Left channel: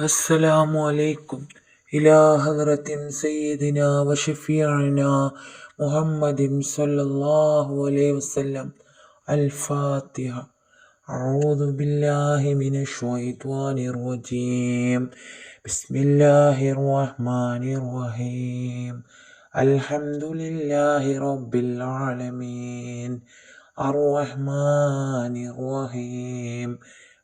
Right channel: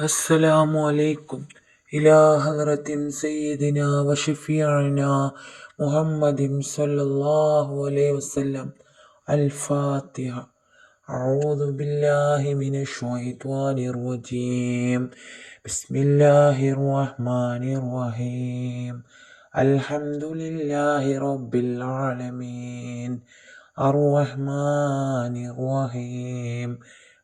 السلام عليكم. إلى حضرة سيدنا وشفيعنا محمد صلى الله عليه وسلم. الفاتحة. أعوذ بالله من الشيطان الرجيم. بسم الله الرحمن الرحيم. الحمد لله رب العالمين. الرحمن الرحيم.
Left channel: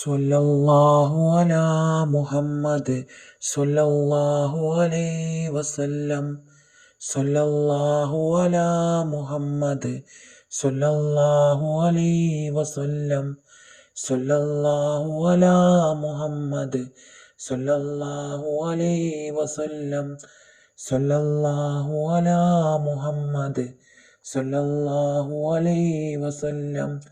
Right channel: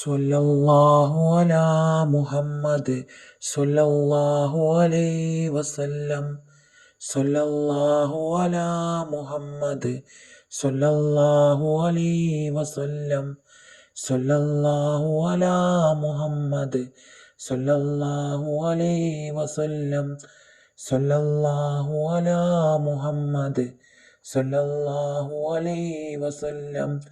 സൊല്ലാഹു അല മുഹമ്മദ് സൊല്ലാഹു അലൈ വസല്ലം. സൊല്ലാഹു അല മുഹമ്മദ് സൊല്ലാഹു അലൈ വസല്ലം. സൊല്ലാഹു അല മുഹമ്മദ് സൊല്ലാഹു അലൈ വസല്ലം. സൊല്ലാഹു അല മുഹമ്മദ് സൊല്ലാഹു അലൈ വസല്ലം.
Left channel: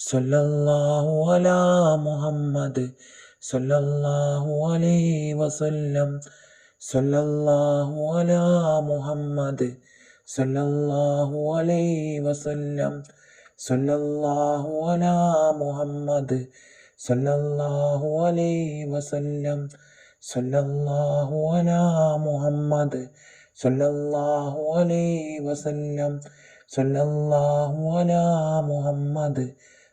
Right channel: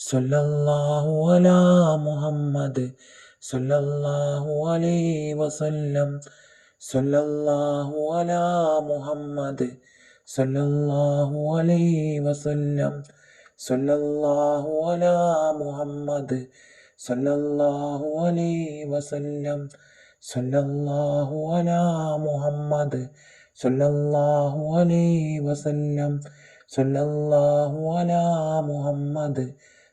സല്ലല്ലാഹു അലാ മുഹമ്മദ് സല്ലല്ലാഹു അലൈഹി വസല്ലം. സല്ലല്ലാഹു അലാ മുഹമ്മദ് സല്ലല്ലാഹു അലൈഹി വസല്ലം. സല്ലല്ലാഹു അലാ മുഹമ്മദ് സല്ലല്ലാഹു അലൈഹി വസല്ലം. സല്ലല്ലാഹു അലാ മുഹമ്മദ് സല്ലല്ലാഹു അലൈഹി വസല്ലം. സല്ലല്ലാഹു അലാ മുഹമ്മദ്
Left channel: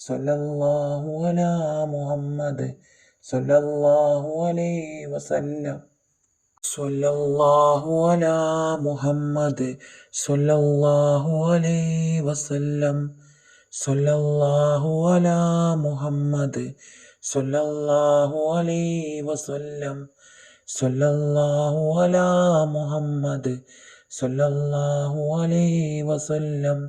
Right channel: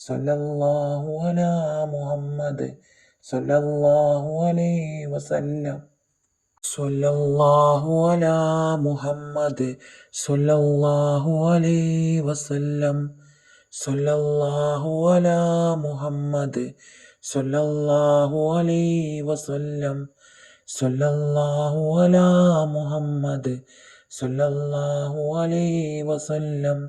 സല്ലല്ലാഹു അലാ മുഹമ്മദ് സല്ലല്ലാഹു അലൈഹി വസല്ലം. സല്ലല്ലാഹു അലാ മുഹമ്മദ് സല്ലല്ലാഹു അലൈഹി വസല്ലം. സല്ലല്ലാഹു അലാ മുഹമ്മദ് സല്ലല്ലാഹു അലൈഹി വസല്ലം. സല്ലല്ലാഹു അലാ മുഹമ്മദ് സല്ലല്ലാഹു അലൈഹി വസല്ലം.